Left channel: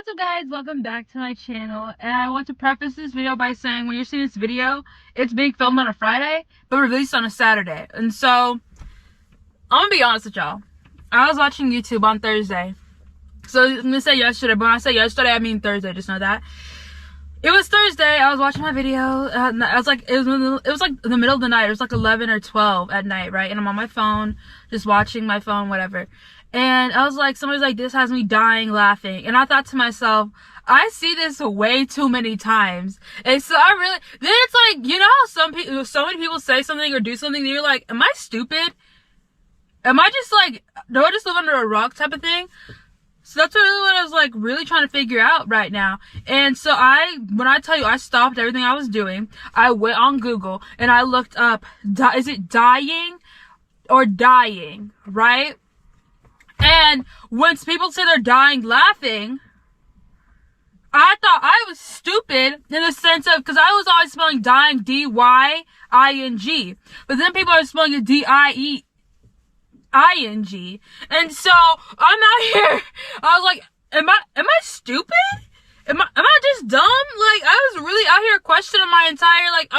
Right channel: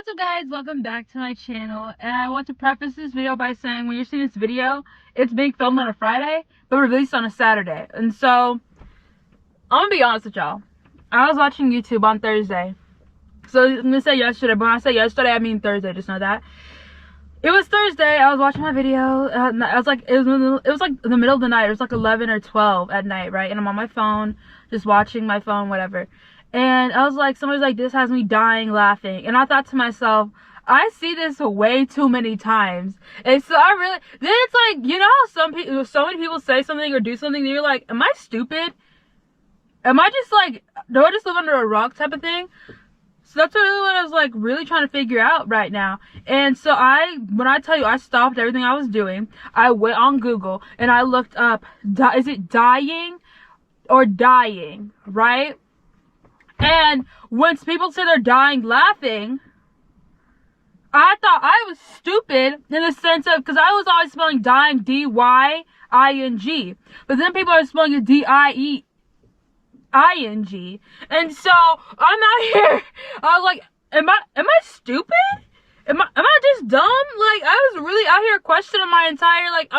What's up guys, welcome back to my channel, and I want to preface this video by saying when you're seeing this video, it's being filmed on a Friday but released on a Saturday. And so I'm gonna be honest with y'all, I was watching YouTube on Thursday, so I'm gonna say yesterday, but when I say yesterday I mean Thursday, just know that it was Thursday. I was watching my video, I was like, it was like in the middle of the night. It was like 11 or 12 at night, right? And I'm on my phone, just watching my phone, whatever. And I was like, somebody's like, this has me dying laughing. And I thought to myself, I see this way too many times. And so I really, then it's like, you know how so many people say something or do something and you're like, am I stupid? Am I just like, do I just live under a rock type of thing? So that's really what I was like really trying to figure out right now. And so when I tell you I stopped everything I was doing, I went on Google and I looked up, is it dying or dying, right? And when people say they're dying laughing, I thought I was stupid in the sense of, because I was always spelling dying D-Y-I-N-G. But then people are spelling it D-I-E-I-N-G. And so I'm out here, I was like, am I stupid? Am I just dumb? Like, I was really out here questioning I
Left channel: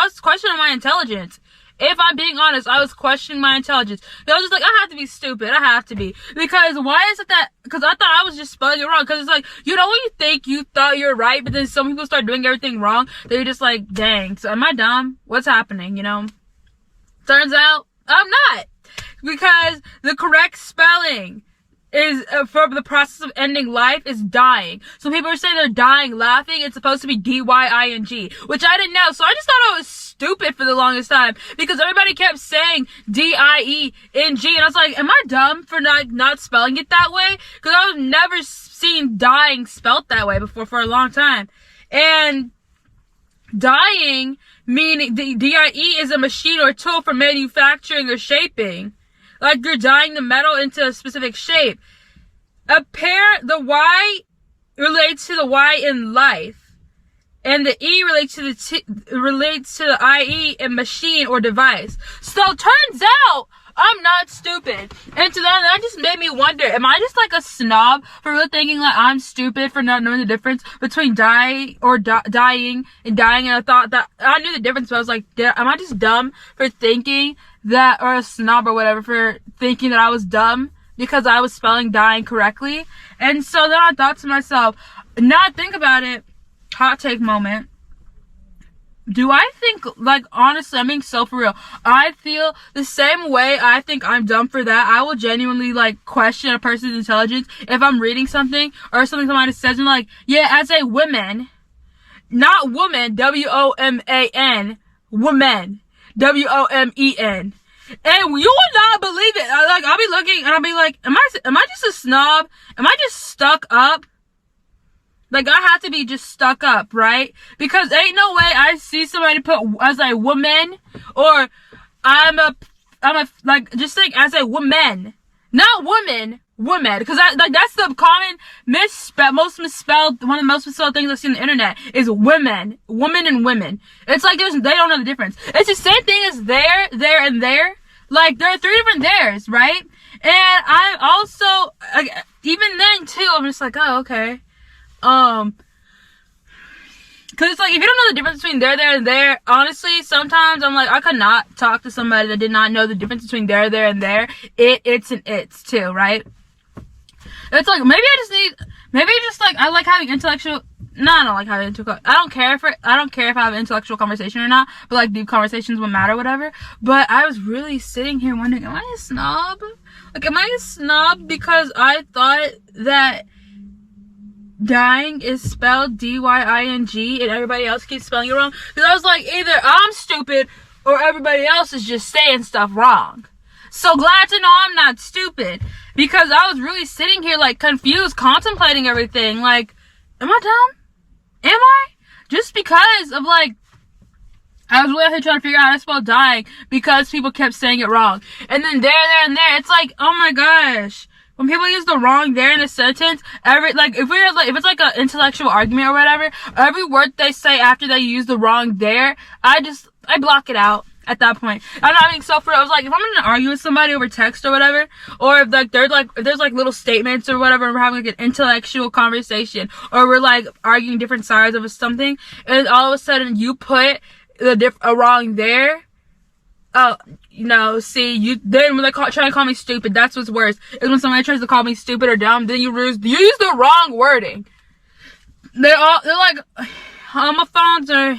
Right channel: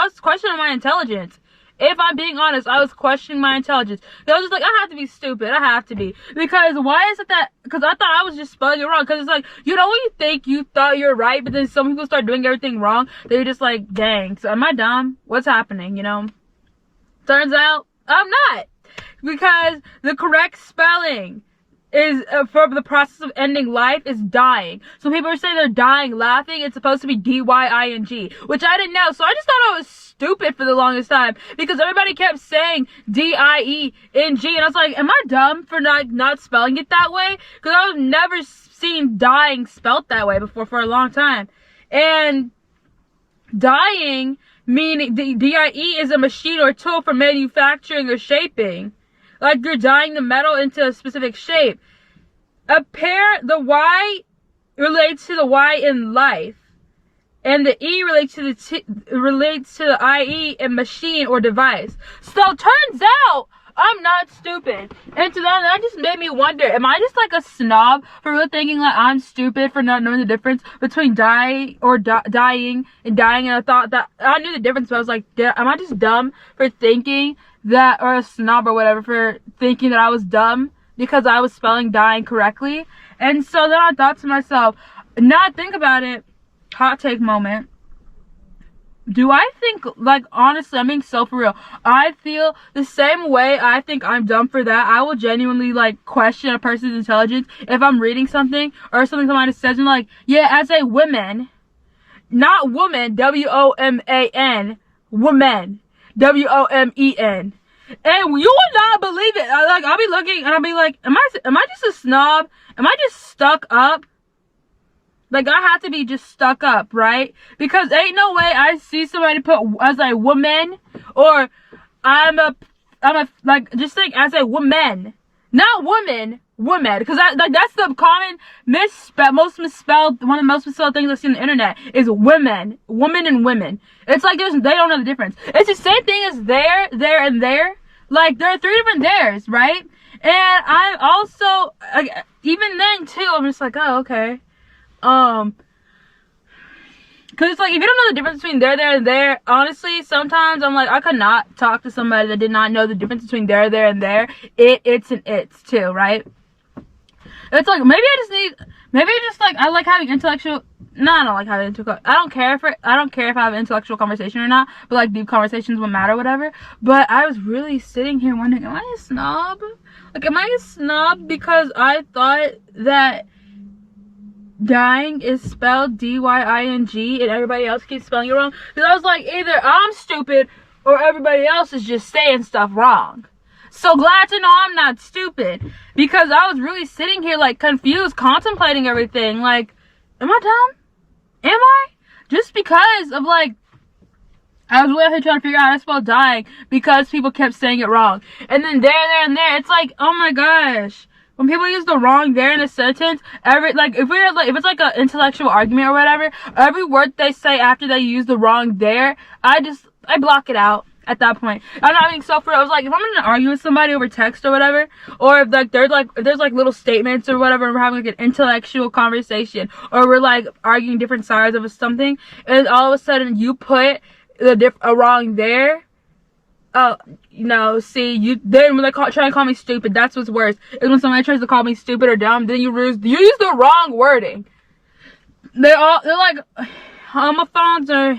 was questioning my intelligence. If I'm being honest, I was questioning my intelligence. I was just like, I have to be stupid. I have to be. Because why is it that, because I thought I was just spelling it wrong. Because it's like, you know when you think you thought you're right, but then some people start doing everything wrong, they're just like, dang, so am I dumb? What's happening, you know? Turns out, I'm not. Because the correct spelling is, for the process of ending life, is dying. So people are saying they're dying laughing. It's supposed to be D-Y-I-N-G, which I didn't know. So I just thought I was stupid for the longest time because everybody kept saying D-I-E-N-G, and I was like, am I dumb for not spelling it that way? Because I've never seen dying spelt that way before for a long time. And dying, meaning D-I-E, is a machine or tool for manufacturing or shaping. Like you're dyeing the metal into a specific shape. The Y relates to the Y in life, and the E relates to the IE in machine or device. So turns out I'm not stupid. And so that just made me wonder, am I just like a snob for really thinking like I'm stupid for not knowing the difference between dying and dying? And I thought that I knew the difference, but I was like, am I just dumb for thinking that, or a snob or whatever for thinking that I was dumb because I was spelling dying correctly? And so then I thought to myself, now I think about it, hot take moment. Do I think, like, honestly, I'm being so for real, I feel the same way I think I'm dumb for that. I will genuinely, like, question a person's intelligence if I'm reading something or something somebody says and like, yeah, as a woman, not woman, W-O-M-A-N, woman, W-O-M-E-N. And you will not believe it. I'll be looking and I'll be like, am I just a snob? Am I just stuck up? Like, I have to be just stuck up, right? Because ain't no way I see somebody put as a woman, or I'm a, like, just think as a woman. Not woman, woman. Because that's the common most misspelled, one of the most misspelled things I see on the internet is women. Women and women. It's like they don't know the difference. It's the same thing as there, and there. Like, there are 3 different theirs, right? And I'm also, like, even then, too, I'm just like, oh, okay. Cause it's like, if you don't know the difference between there, and there, honestly, sometimes I'm like, I could not talk to somebody that did not know the difference between there, and there. It's, and it's too, right? It's like, maybe I like having intellectual, no, I don't like having intellectual, I don't care if I have an intellectual conversation or not, but like deep conversations would matter, whatever. But I was really sitting here wondering, am I a snob? Like, am I a snob because I thought that dying is spelled D-Y-I-N-G and everybody else keeps spelling it wrong? Because I was like, either I'm stupid or everybody else is just saying stuff wrong. So glad to know I'm not stupid, because I was really sitting here like confused, contemplating everything. Like, am I dumb? Am I? Just because of like, I was really out here trying to figure out how to spell dying because people kept saying it wrong. And then there, and there, it's like, oh my gosh. When people use the wrong there in a sentence, if it's like an intellectual argument or whatever, every word they say after they use the wrong there, I block it out. at that point. I'm not being so for. I was like, if I'm gonna argue with somebody over text or whatever, or if like there's like little statements or whatever, and we're having like an intellectual conversation, or we're like arguing different sides of something, and all of a sudden you put a wrong there. Oh, see, then when they try to call me stupid, that's what's worse. Is when somebody tries to call me stupid or dumb, then you use the wrong wording. They're like homophones or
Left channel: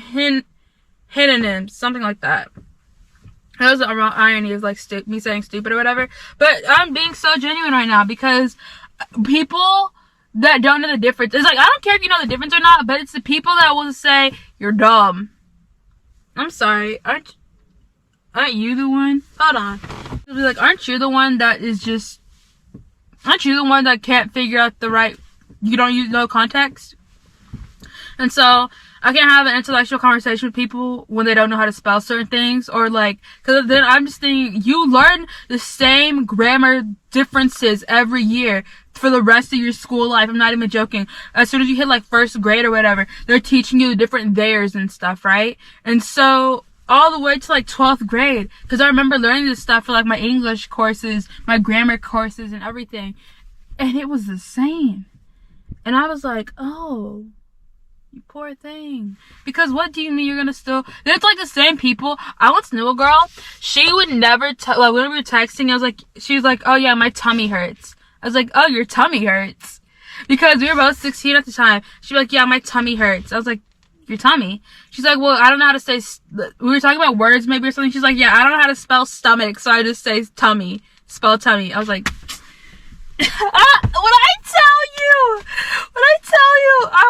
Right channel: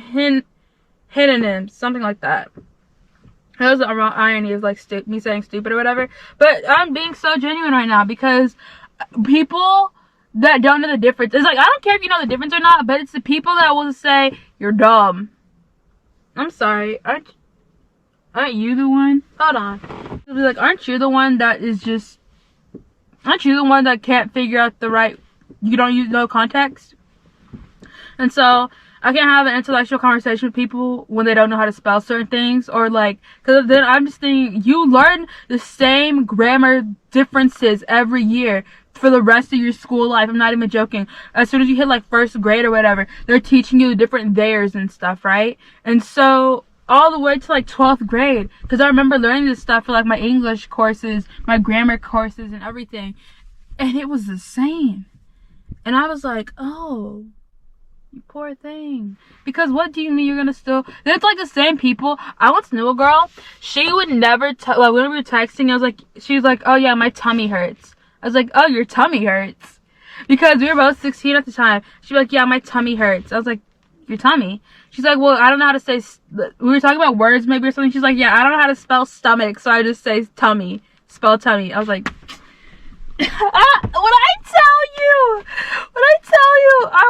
synonyms, something like that. That was the irony of like me saying stupid or whatever. But I'm being so genuine right now because people that don't know the difference. It's like, I don't care if you know the difference or not, but it's the people that will say you're dumb. I'm sorry, aren't you the one? Hold on. It'll be like, aren't you the one that can't figure out you don't use no context? And so I can't have an intellectual conversation with people when they don't know how to spell certain things, or like, because then I'm just thinking, you learn the same grammar differences every year for the rest of your school life. I'm not even joking. As soon as you hit like first grade or whatever, they're teaching you the different theirs and stuff, right? And so all the way to like 12th grade, because I remember learning this stuff for like my English courses, my grammar courses and everything, and it was the same. And I was like, oh, you poor thing. Because what do you mean you're gonna still... It's like the same people. I once knew a girl. She would never... like, when we were texting, she was like, oh yeah, my tummy hurts. I was like, oh, your tummy hurts. Because we were both 16 at the time. She'd be like, yeah, my tummy hurts. I was like, your tummy? She's like, well, I don't know how to say... We were talking about words maybe or something. She's like, yeah, I don't know how to spell stomach, so I just say tummy. Spell tummy. I was like... When I tell you, I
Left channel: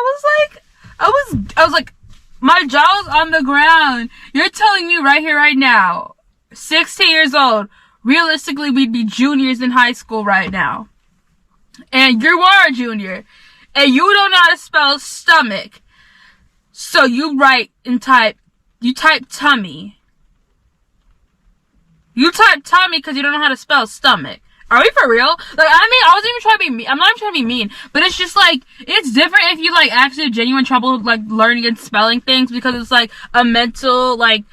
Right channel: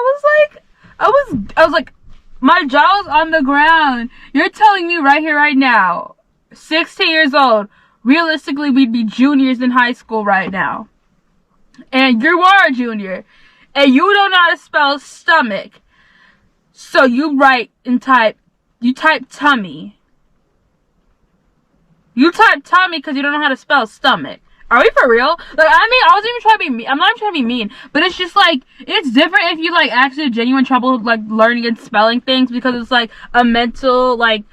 was like, my jaw's on the ground. You're telling me right here, right now, 16 years old, realistically, we'd be juniors in high school right now. And you are a junior. And you don't know how to spell stomach. So you type tummy. You type tummy because you don't know how to spell stomach. Are we for real? Like, I mean, I wasn't even trying to be mean. I'm not even trying to be mean. But it's just, like, it's different if you, like, actually have genuine trouble, like, learning and spelling things because it's, like, a mental, like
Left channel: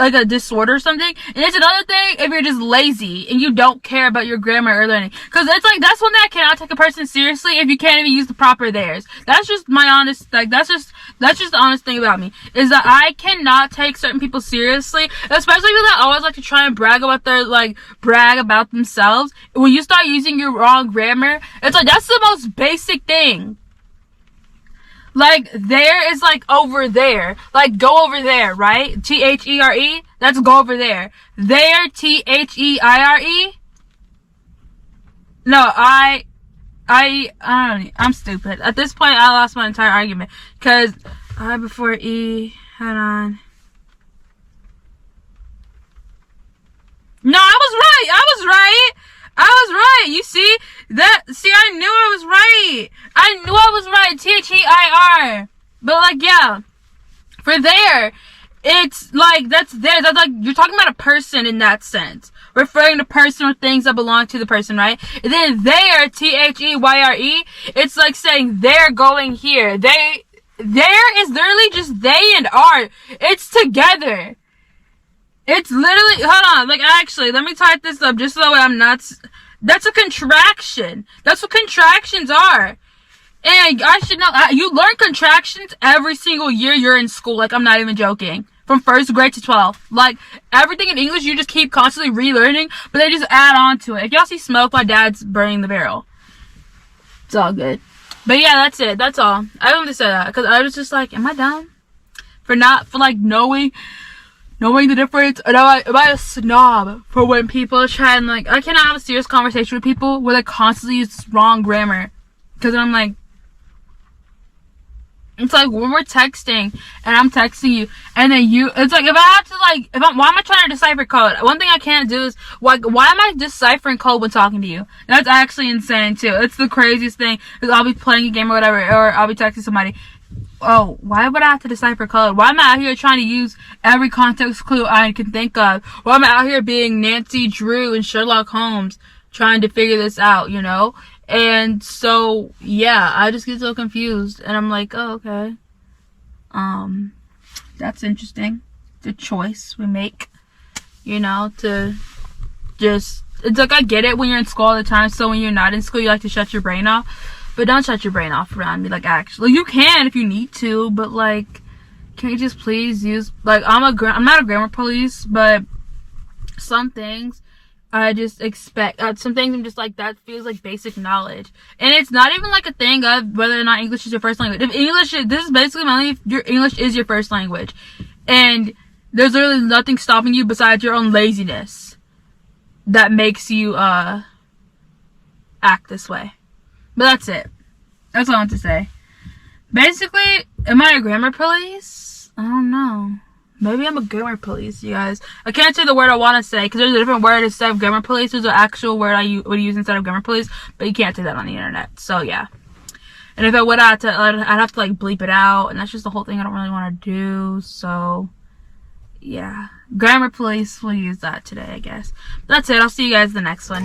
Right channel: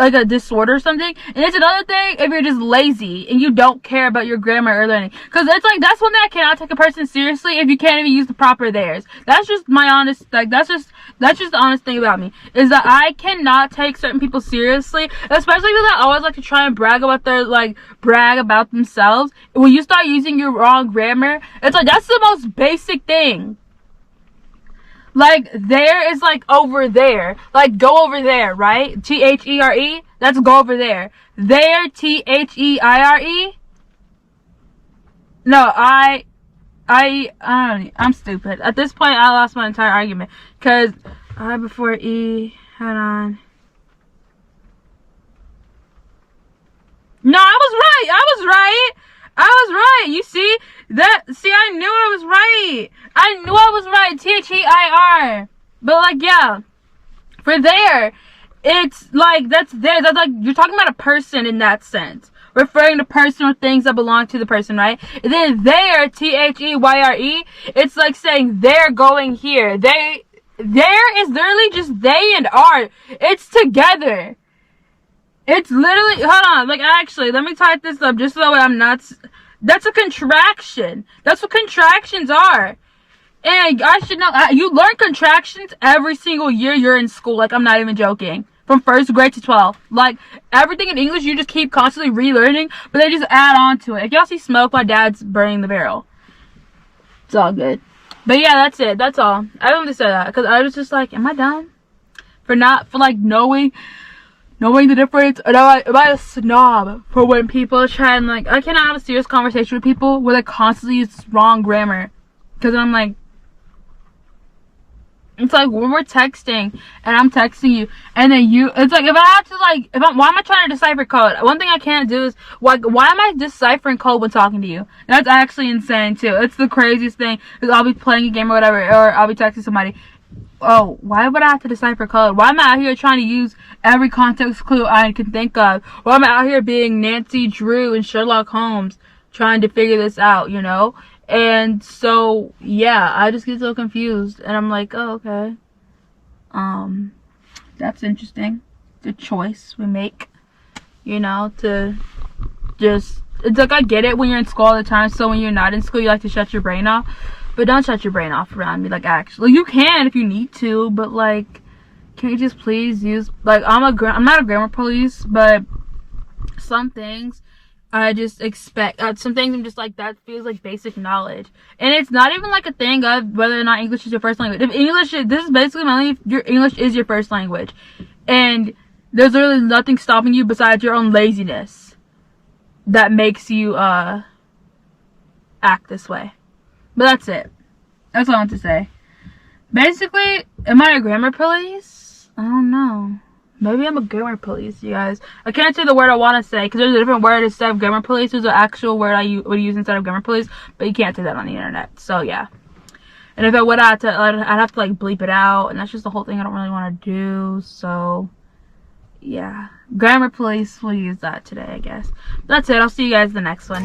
a disorder or something. And it's another thing if you're just lazy and you don't care about your grammar or learning. Because it's, like, that's one thing I cannot take a person seriously if you can't even use the proper theirs. That's just my honest, like, that's just the honest thing about me. Is that I cannot take certain people seriously. Especially people that always like to try and brag about themselves. When you start using your wrong grammar, it's like, that's the most basic thing. Like, there is like over there. Like, go over there, right? T-H-E-R-E. That's go over there. There, T-H-E-I-R-E. No, I don't know. I'm stupid. At this point, I lost my entire argument. Because I before E. Hold on. No, I was right. You see? I knew I was right. T-H-E-I-R. But, like, yeah. For there, it's, like, that's there. That's, like, you're talking about a person in that sense. Referring to person or things that belong to the person, right? And then there, T-H-E-Y-R-E, it's like saying they're going here. There is literally just they and are. It's together. It's literally, hold on, like, actually, let me type this up just so that way I'm not, that's a contraction. That's what contractions are. And I should know, you learn contractions every single year you're in school. Like, I'm not even joking. From 1st grade to 12th. Like, everything in English, you just keep constantly relearning, but they just add on to it. If y'all see smoke, my dad's burning the barrel. It's all good. But yeah, that's it. That's all. I wanted to say that, because I was just like, am I dumb? For knowing the difference? Or am I a snob for when people try and, like, I cannot have a serious conversation with people where they constantly use wrong grammar. Because then I'm like, it's like when we're texting and I'm texting you and then it's like, if I have to, like, why am I trying to decipher code? One thing I can't do is, like, why am I deciphering code when talking to you? That's actually insane too. It's the craziest thing, is I'll be playing a game or whatever, or I'll be texting somebody. Oh, why would I have to decipher code? Why am I out here trying to use every context clue I can think of? Why am I out here being Nancy Drew and Sherlock Holmes trying to figure this out, you know? And so, yeah, I just get so confused. And I'm like, oh, okay. That's interesting. The choice we make. you know, to just, it's like, I get it when you're in school all the time, so when you're not in school, you like to shut your brain off, but don't shut your brain off around me. Like, actually, you can if you need to, but like, can you just please use, like, I'm not a grammar police, but some things I just expect, some things I'm just like, that feels like basic knowledge. And it's not even like a thing of whether or not English is your first language. If English is, this is basically mainly if your English is your first language. And there's literally nothing stopping you besides your own laziness that makes you, act this way. But that's it. That's all I want to say. Basically, am I a grammar police? I don't know. Maybe I'm a grammar police, you guys. I can't say the word I want to say because there's a different word instead of grammar police. There's an actual word I would use instead of grammar police, but you can't say that on the internet. So yeah. And if I would, I'd have to like bleep it out, and that's just the whole thing I don't really want to do. So yeah, grammar police, we'll use that today, I guess. That's it. I'll see you guys in the next one.